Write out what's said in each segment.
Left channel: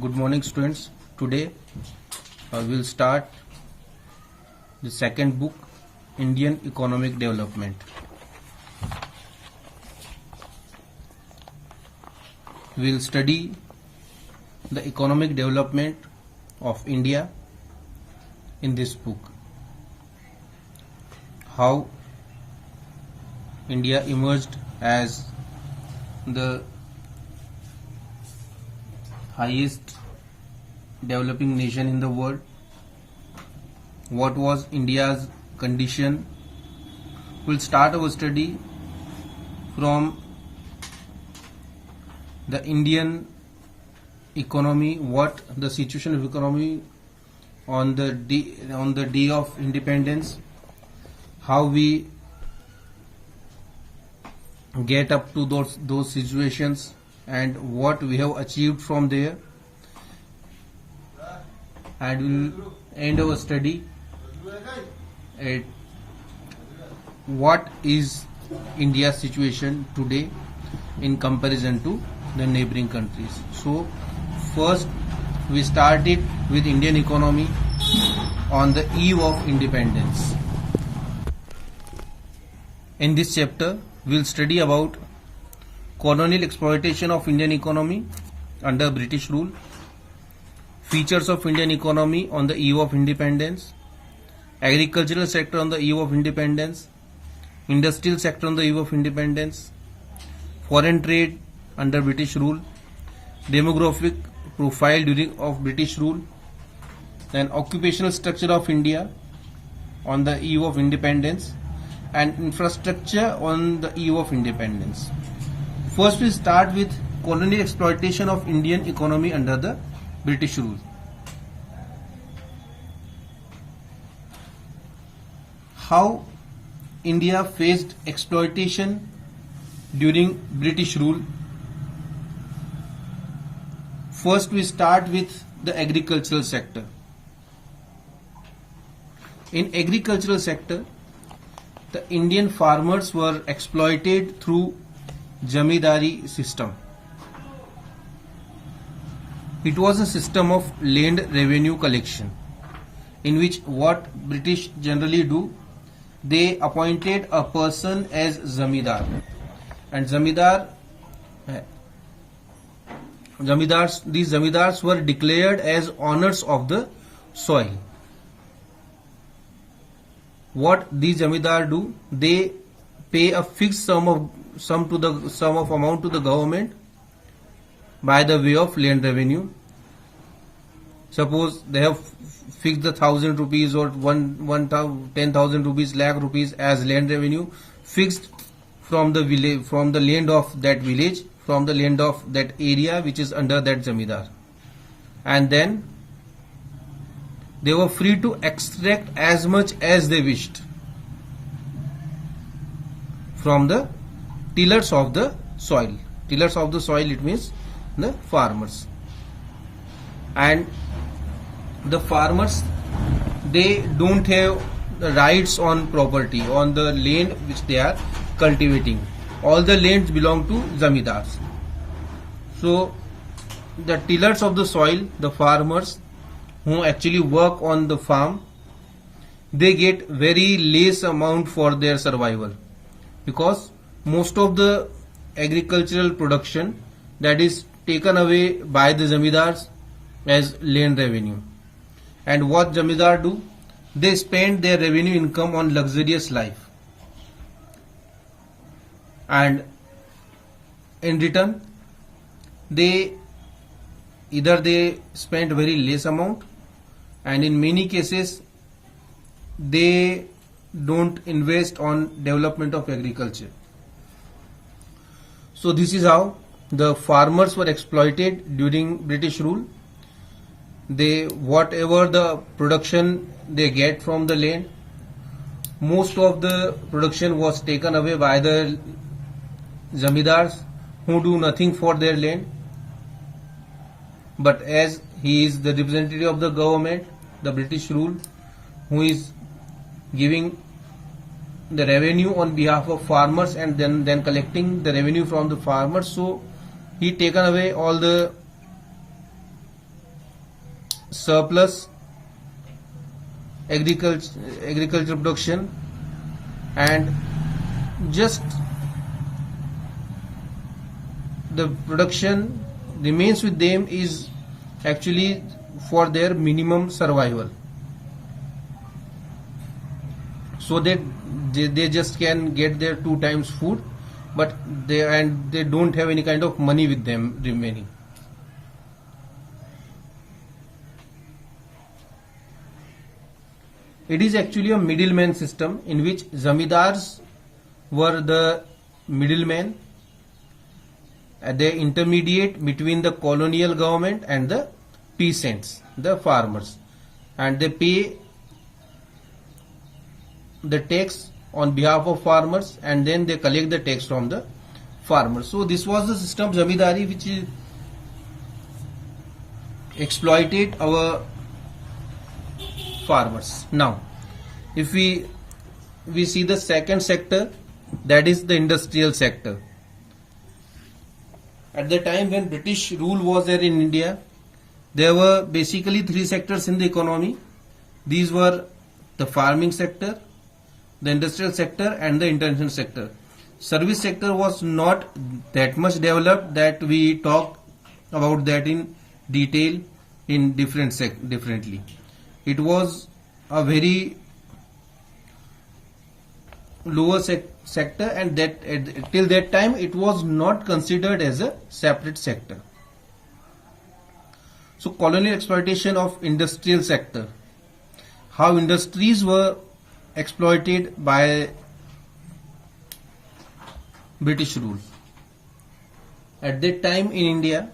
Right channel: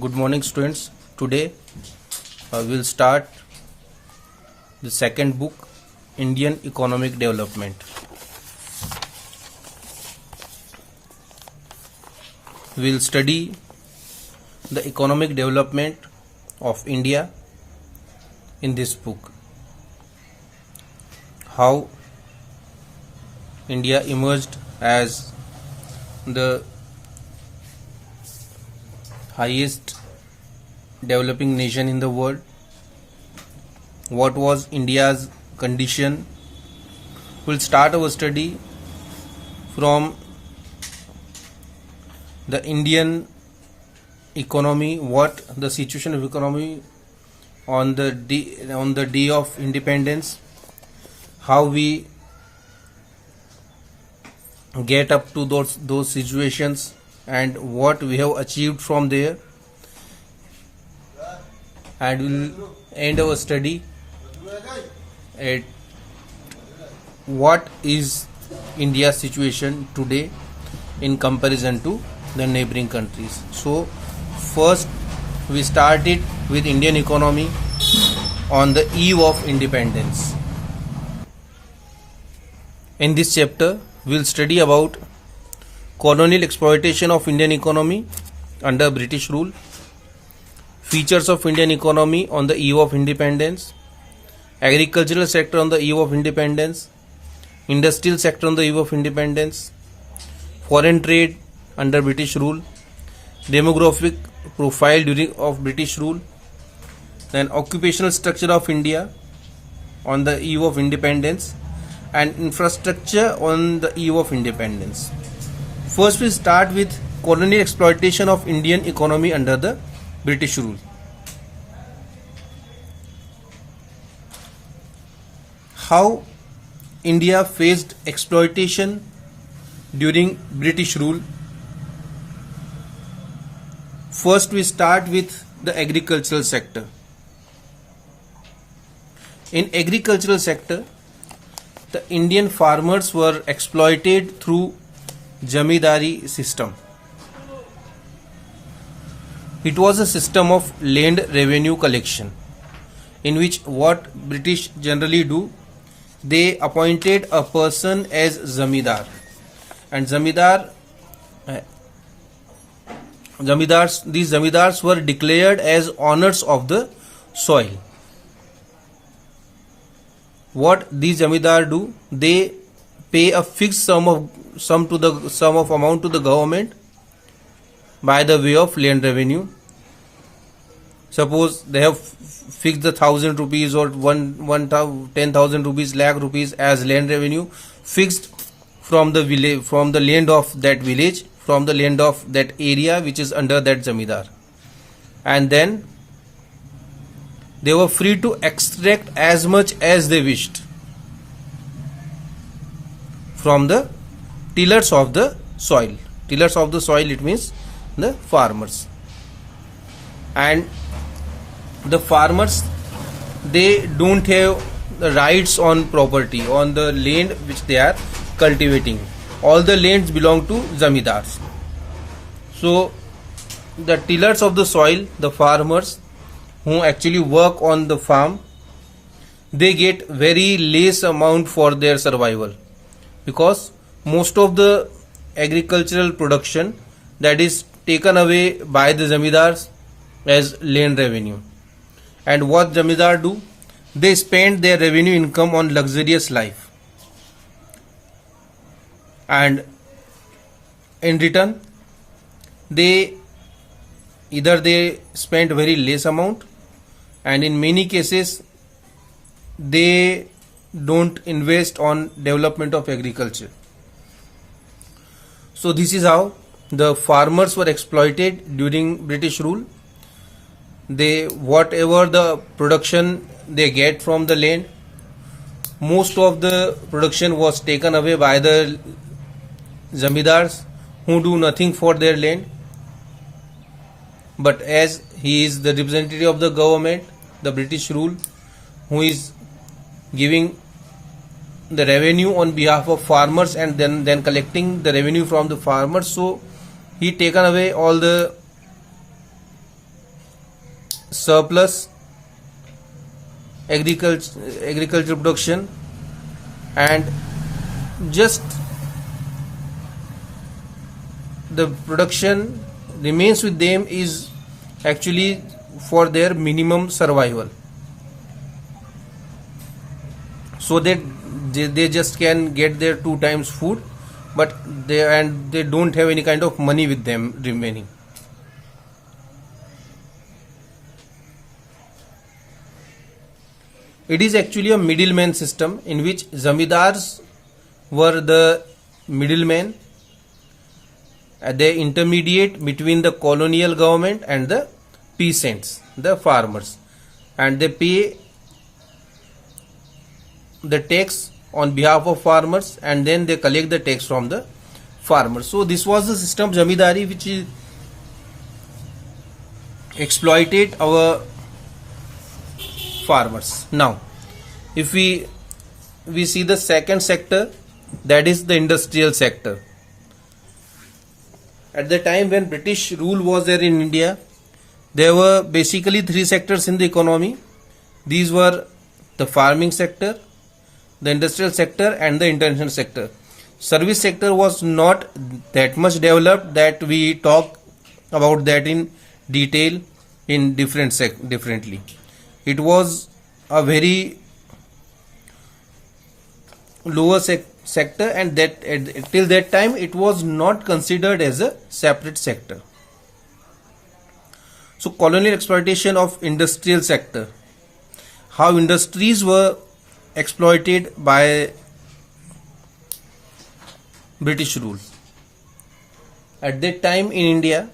Good morning, students. Today we'll start the second book, Indian Economic Development. We'll study the economic development of India in this book. How India emerged as the highest developing nation in the world. What was India's condition? We'll start our study from the Indian economy, what the situation of economy on the day of independence, how we get up to those situations, and what we have achieved from there, and we'll end our study at what is India's situation today in comparison to the neighboring countries. So first we started with Indian economy on the eve of independence. In this chapter we'll study about colonial exploitation of Indian economy under British rule, features of Indian economy on the eve of independence, agricultural sector on the eve of independence, industrial sector on the eve of independence, foreign trade under British rule, demographic profile during of British rule, then occupational structure of India on the eve of independence, and infrastructure on the eve of independence. First we start with colonial exploitation of Indian economy under the British rule. How India faced exploitation during British rule. First we start with the agricultural sector. In agricultural sector, the Indian farmers were exploited through Zamindari system. It was a system of land revenue collection, in which what British generally do, they appointed a person as Zamindar, and these Zamindars were declared as owners of the soil. What these Zamindar do, they pay a fixed sum of amount to the government by the way of land revenue. Suppose they have fixed the 1,000 rupees or 10,000 rupees, lakh rupees as land revenue fixed from the village, from the land of that village, from the land of that area which is under that Zamindar, and then they were free to extract as much as they wished from the tillers of the soil. Tillers of the soil, it means the farmers. And the farmers, they don't have the rights on property, on the land which they are cultivating. All the lands belong to Zamindars. So the tillers of the soil, the farmers who actually work on the farm, they get very less amount for their survival, because most of the agricultural production that is taken away by the Zamindars as land revenue. And what Zamindar do, they spend their revenue income on luxurious life, and in return they spend very less amount, and in many cases they don't invest on development of agriculture. So this is how the farmers were exploited during British rule. They, whatever the production they get from the land, most of the production was taken away by the Zamindars, who do nothing for their land. But as he is the representative of the government, the British rule, who is giving the revenue on behalf of farmers and then collecting the revenue from the farmers, so he taken away all the surplus agriculture production, and just the production remains with them is actually for their minimum survival, so that they just can get their 2 times food, but they don't have any kind of money with them remaining. It is actually a middleman system in which zamindars were the middlemen, they intermediate between the colonial government and the peasants, the farmers, and they pay the tax on behalf of farmers, and then they collect the tax from the farmers. So this was the system of zamindari which is exploited our farmers. Now if we see the second sector, that is the industrial sector. At the time when British rule was there in India, there were basically 3 sectors in the economy. These were the farming sector, the industrial sector, and the international sector. Service sector was not that much developed that we talk about that in detail in differently. It was a very lower sector, and that till that time it was not considered as a separate sector. So colonial exploitation of industrial sector, how industries were exploited by British rule. At that time in India,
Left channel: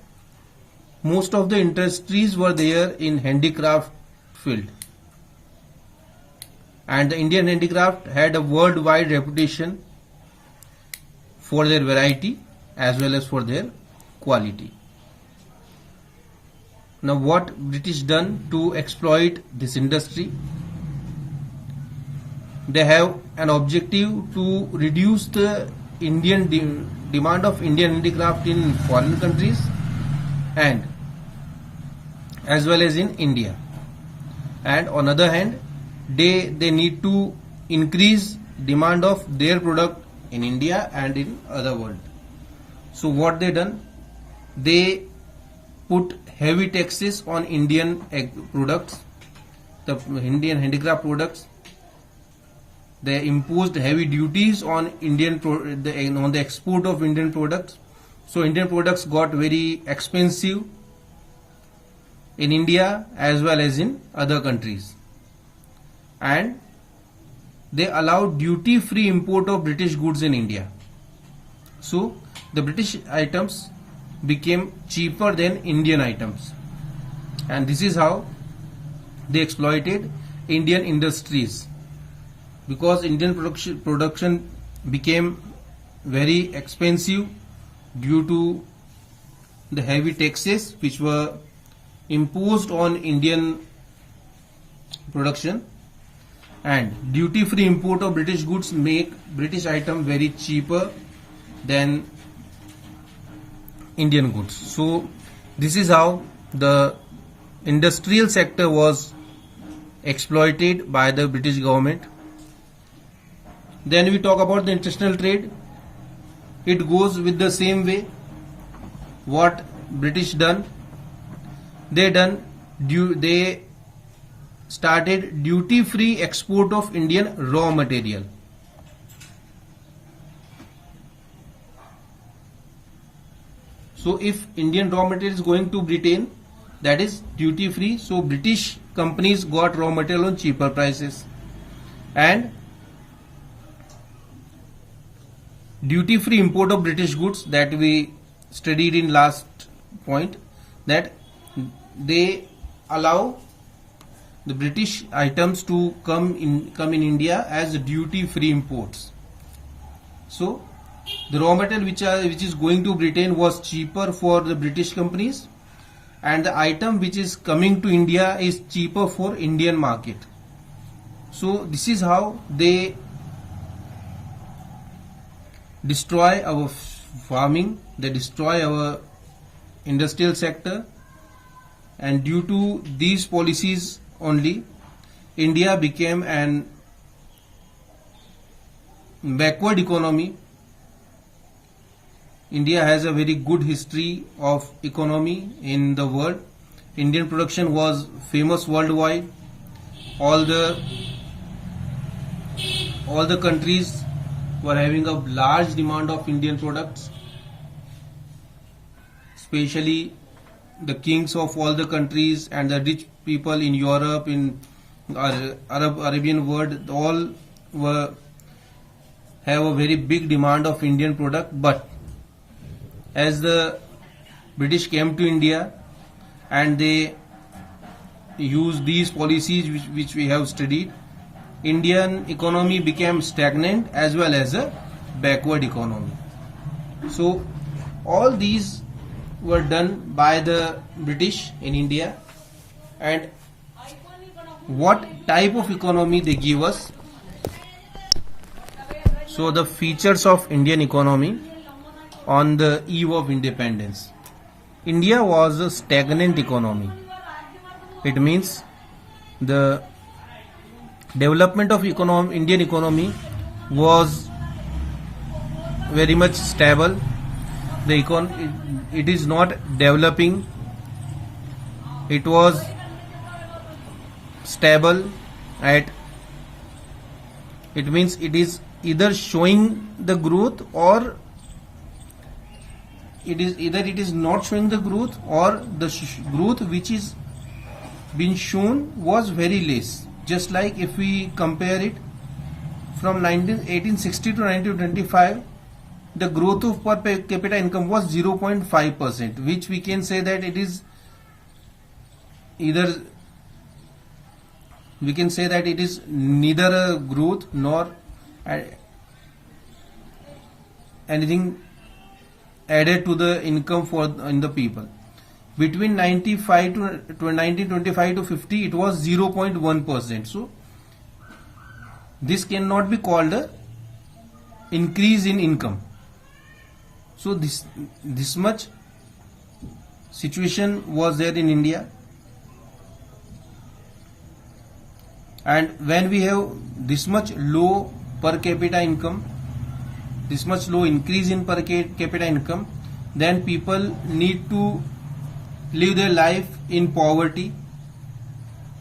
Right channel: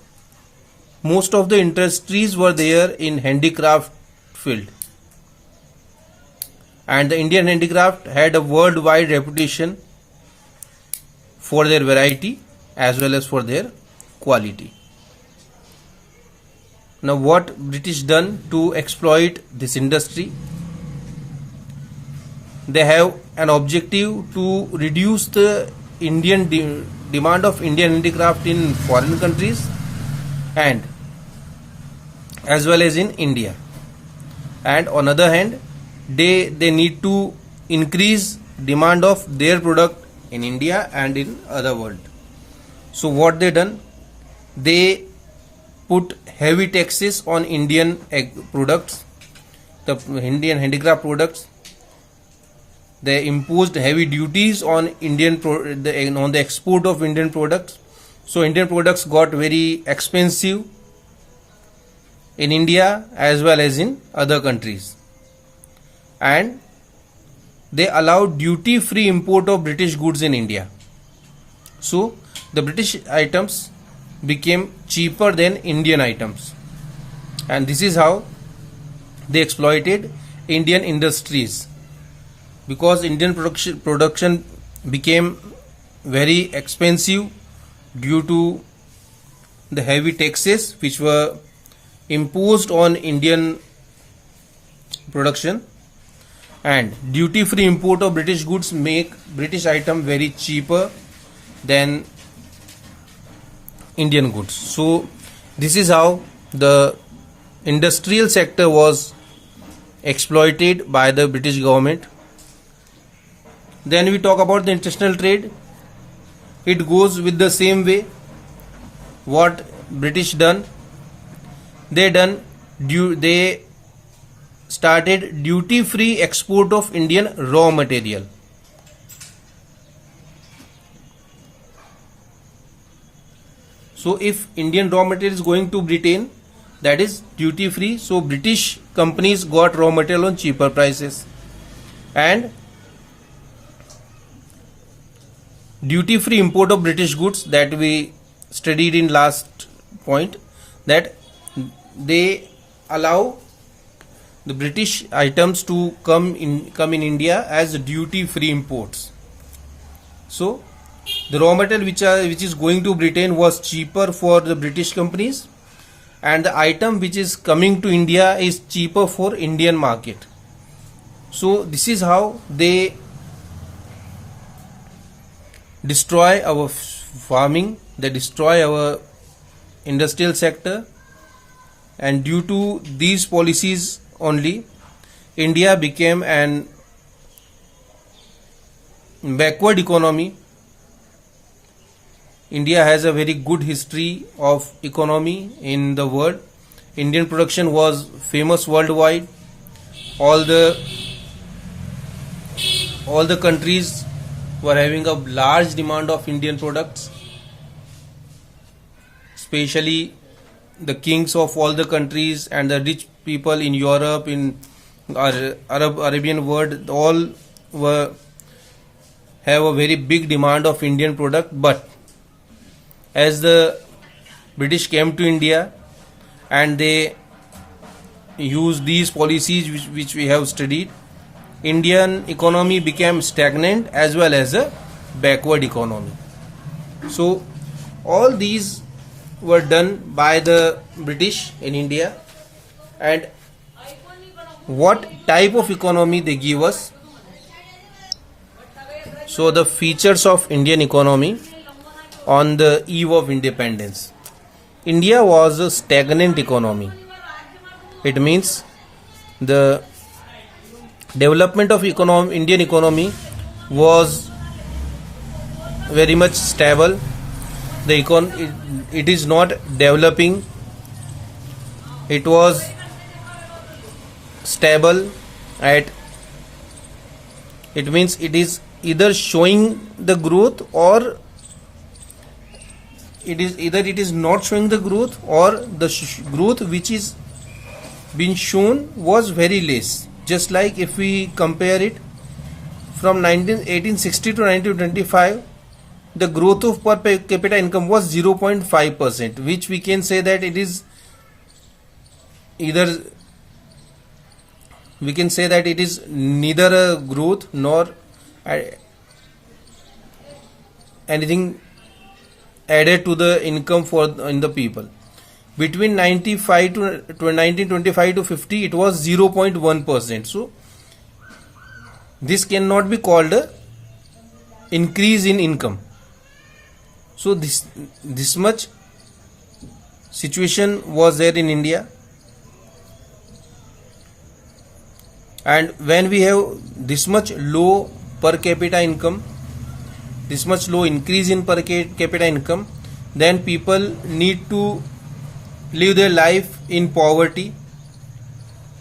most of the industries were there in handicraft field, and the Indian handicraft had a worldwide reputation for their variety as well as for their quality. Now what British done to exploit this industry? They have an objective to reduce the Indian demand of Indian handicraft in foreign countries and as well as in India, and on other hand they need to increase demand of their product in India and in other world. So what they done, they put heavy taxes on Indian products, the Indian handicraft products. They imposed heavy duties on on the export of Indian products. So Indian products got very expensive in India as well as in other countries, and they allowed duty-free import of British goods in India. So the British items became cheaper than Indian items, and this is how they exploited Indian industries, because Indian production became very expensive due to the heavy taxes which were imposed on Indian production, and duty-free import of British goods make British item very cheaper than Indian goods. So this is how the industrial sector was exploited by the British government. Then we talk about the international trade. It goes with the same way. What British done? They started duty-free export of Indian raw material. So if Indian raw material is going to Britain, that is duty-free. So British companies got raw material on cheaper prices, and duty-free import of British goods that we studied in last point, that they allow the British items to come in India as duty-free imports. So the raw material which is going to Britain was cheaper for the British companies, and the item which is coming to India is cheaper for Indian market. So this is how they destroy our farming, they destroy our industrial sector, and due to these policies only, India became an backward economy. India has a very good history of economy in the world. Indian production was famous worldwide. All the countries were having a large demand of Indian products, especially the kings of all the countries and the rich people in Europe, in Arabian world, all have a very big demand of Indian product. But as the British came to India and they used these policies which we have studied, Indian economy became stagnant as well as a backward economy. So all these were done by the British in India. And what type of economy they give us? So the features of Indian economy on the eve of independence. India was a stagnant economy. It means the development of Indian economy was very much stable. It is not developing. It was stable at. It means it is either showing the growth or it is not showing the growth, or the growth which is being shown was very less. Just like if we compare it from 1860 to 1925, the growth of per capita income was 0.5%, which we can say that it is either, we can say that it is neither a growth nor anything added to the income in the people. Between 1925 to 50, it was 0.1%. So this cannot be called a increase in income. So this much situation was there in India. And when we have this much low per capita income, this much low increase in per capita income, then people need to live their life in poverty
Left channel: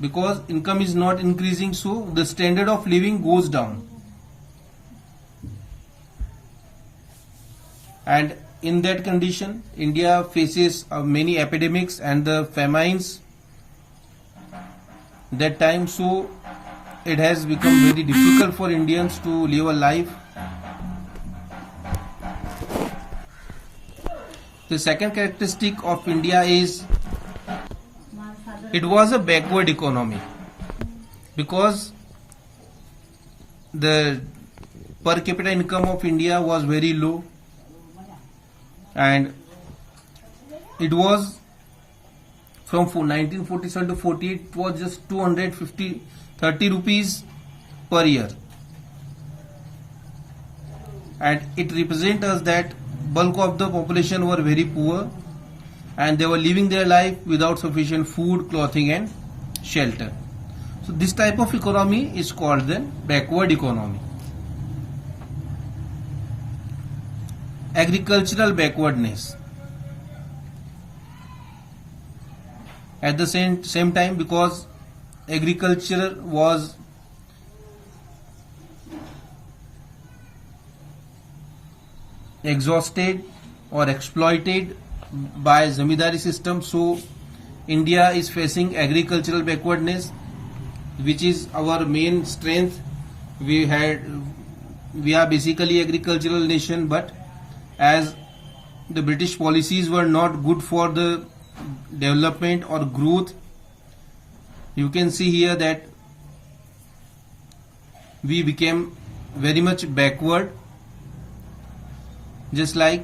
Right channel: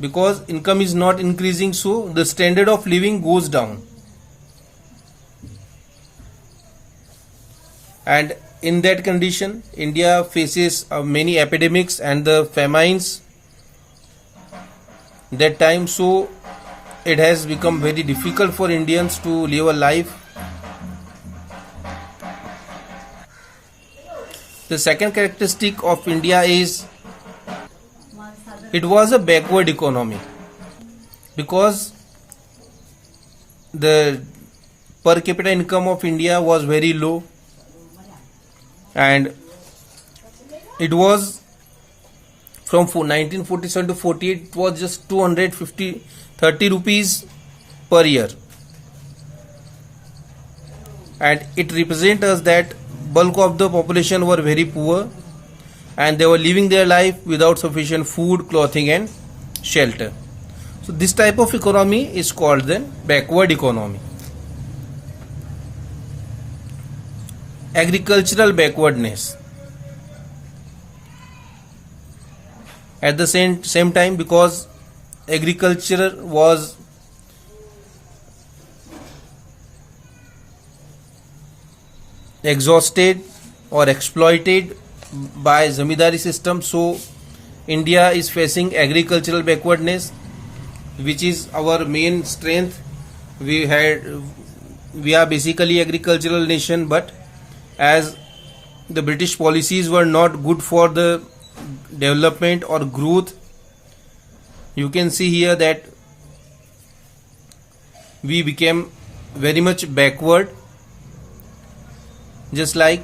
because income is not increasing, so the standard of living goes down. And in that condition, India faces many epidemics and the famines that time, so it has become very difficult for Indians to live a life. The second characteristic of India is it was a backward economy because the per capita income of India was very low, and it was from 1947 to 48, it was just 30 rupees per year, and it represents us that bulk of the population were very poor and they were living their life without sufficient food, clothing and shelter. So this type of economy is called then backward economy. Agricultural backwardness. At the same time, because agriculture was exhausted or exploited by zamindari system, so India is facing agricultural backwardness, which is our main strength. We are basically agricultural nation, but as the British policies were not good for the development or growth, you can see here that we became very much backward. Just like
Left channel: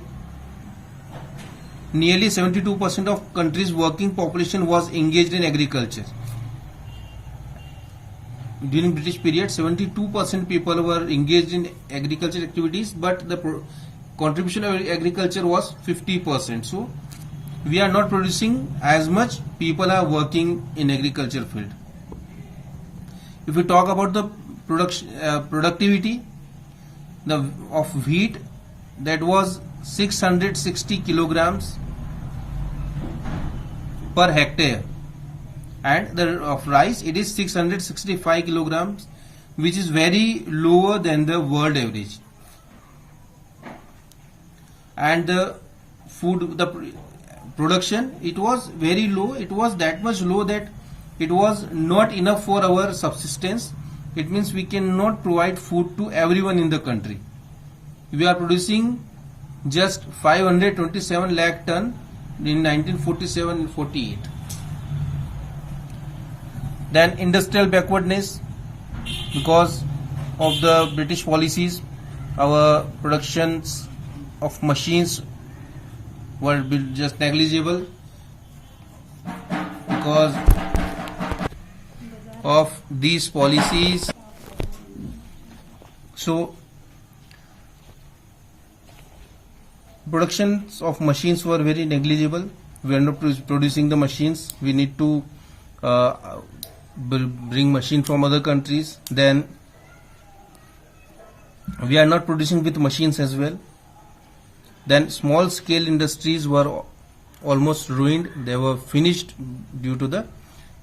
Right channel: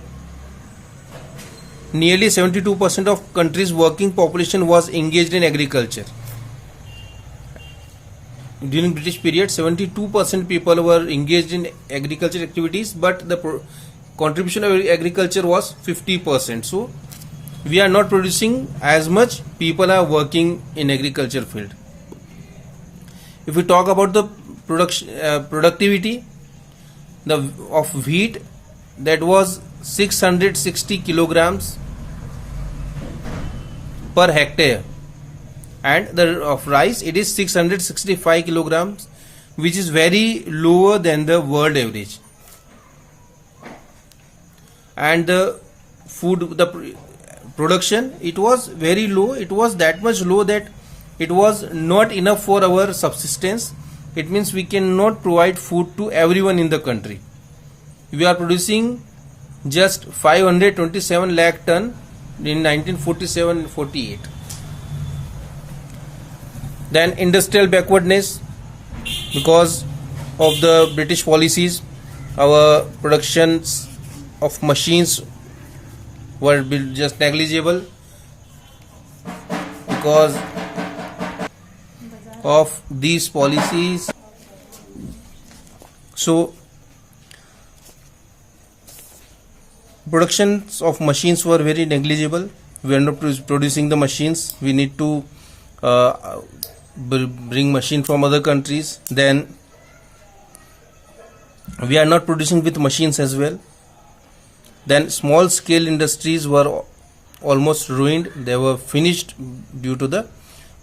nearly 72% of country's working population was engaged in agriculture. During British period, 72% people were engaged in agriculture activities, but the contribution of agriculture was 50%. So we are not producing as much people are working in agriculture field. If we talk about the productivity of wheat, that was 660 kilograms per hectare, and of rice it is 665 kilograms, which is very lower than the world average. And the production, it was very low. It was that much low that it was not enough for our subsistence. It means we cannot provide food to everyone in the country. We are producing just 527 lakh ton in 1947-48. Then industrial backwardness, because of the British policies, our productions of machines were just negligible. Because of these policies, so productions of machines were very negligible. We are not producing the machines. We need to bring machine from other countries. Then we are not producing with machines as well. Then small scale industries were almost ruined. They were finished due to the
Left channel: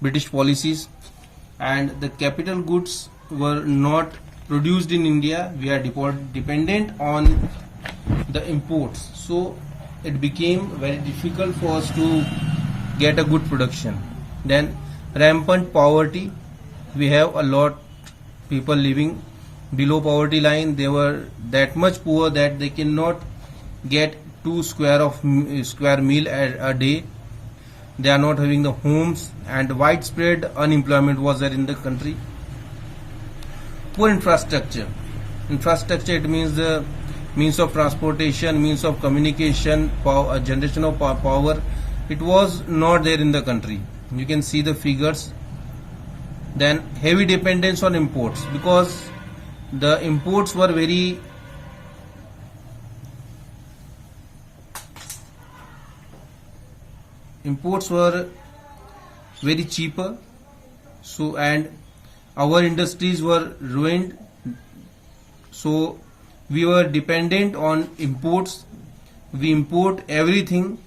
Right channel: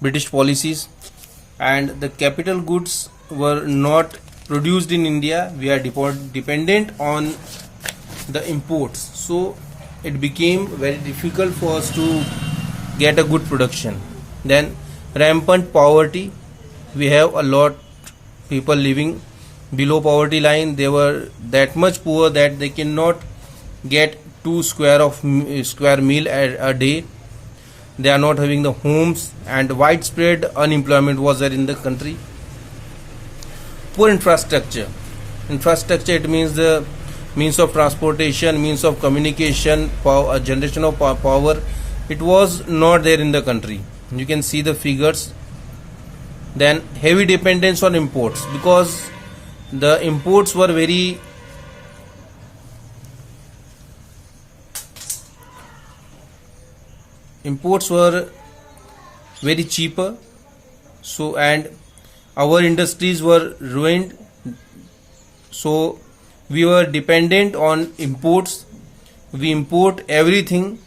British policies, and the capital goods were not produced in India. We are dependent on the imports, so it became very difficult for us to get a good production. Then rampant poverty. We have a lot people living below poverty line. They were that much poor that they cannot get 2 square meal a day. They are not having the homes, and widespread unemployment was there in the country. Poor infrastructure. Infrastructure, it means the means of transportation, means of communication, generation of power. It was not there in the country. You can see the figures. Then heavy dependence on imports, because the imports were very cheaper. So, and our industries were ruined. So we were dependent on imports. We import everything.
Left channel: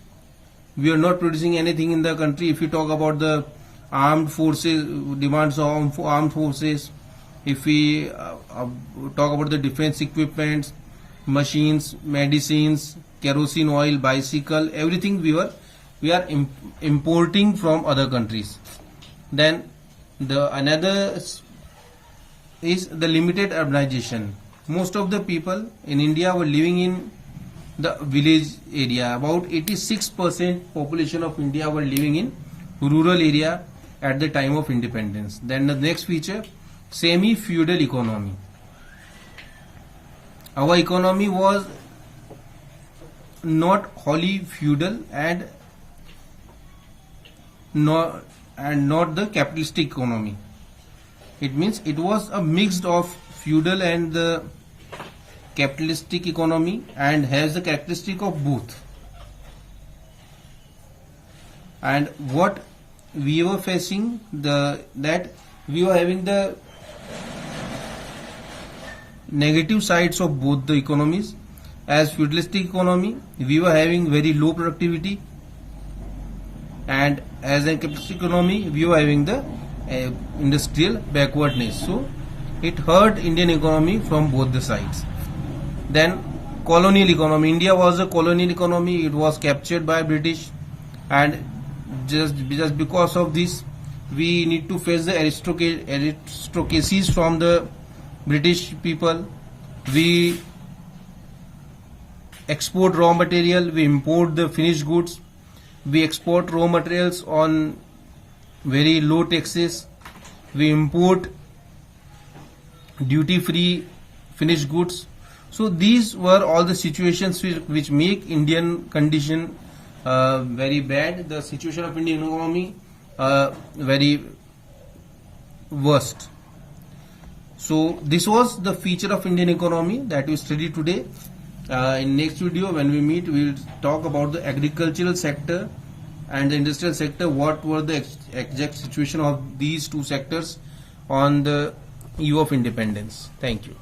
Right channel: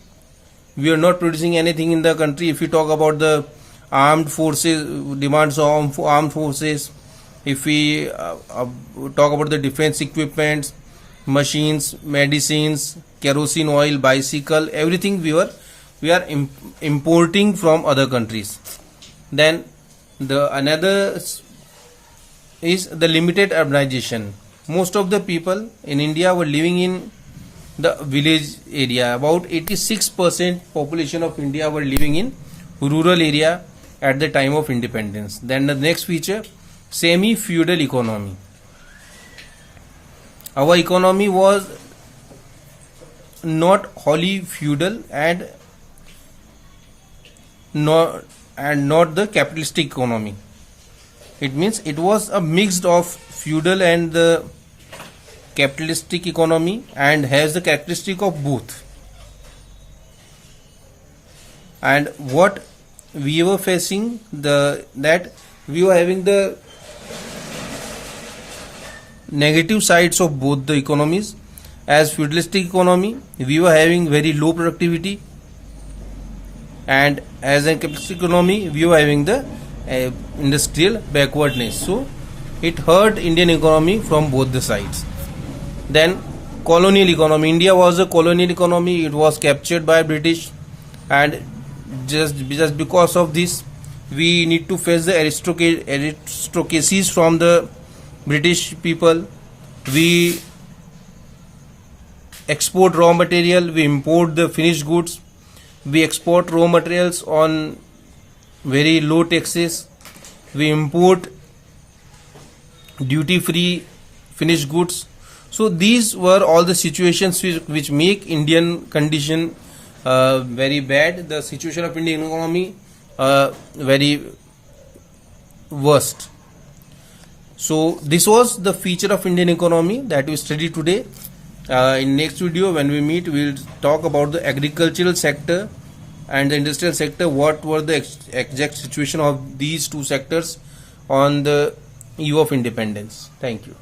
We are not producing anything in the country. If we talk about the armed forces, demands of armed forces, if we talk about the defense equipments, machines, medicines, kerosene oil, bicycle, everything we are importing from other countries. Then another is the limited urbanization. Most of the people in India were living in the village area. About 86% population of India were living in rural area at the time of independence. Then the next feature, semi-feudal economy. Our economy was not wholly feudal and not the capitalistic economy. It means it was a mix of feudal and the capitalistic economy, and has the characteristic of both. And what we were facing, that we were having the negative sides of both the economies. As feudalistic economy, we were having very low productivity, and as a capitalistic economy, we were having the industrial backwardness. So it hurt Indian economy from both the sides. Then colonial economy. India was a colonial economy. It was captured by British, and just because of this, we need to face the aristocracies from the British people. We export raw material, we import the finished goods. We export raw materials on very low taxes. We import duty free finished goods. So these were all the situations which make Indian condition very bad. The situation of Indian economy very worst. So this was the feature of Indian economy that we studied today. In next video when we meet, we will talk about the agricultural sector and the industrial sector, what were the exact situation of these two sectors on the eve of independence. Thank you.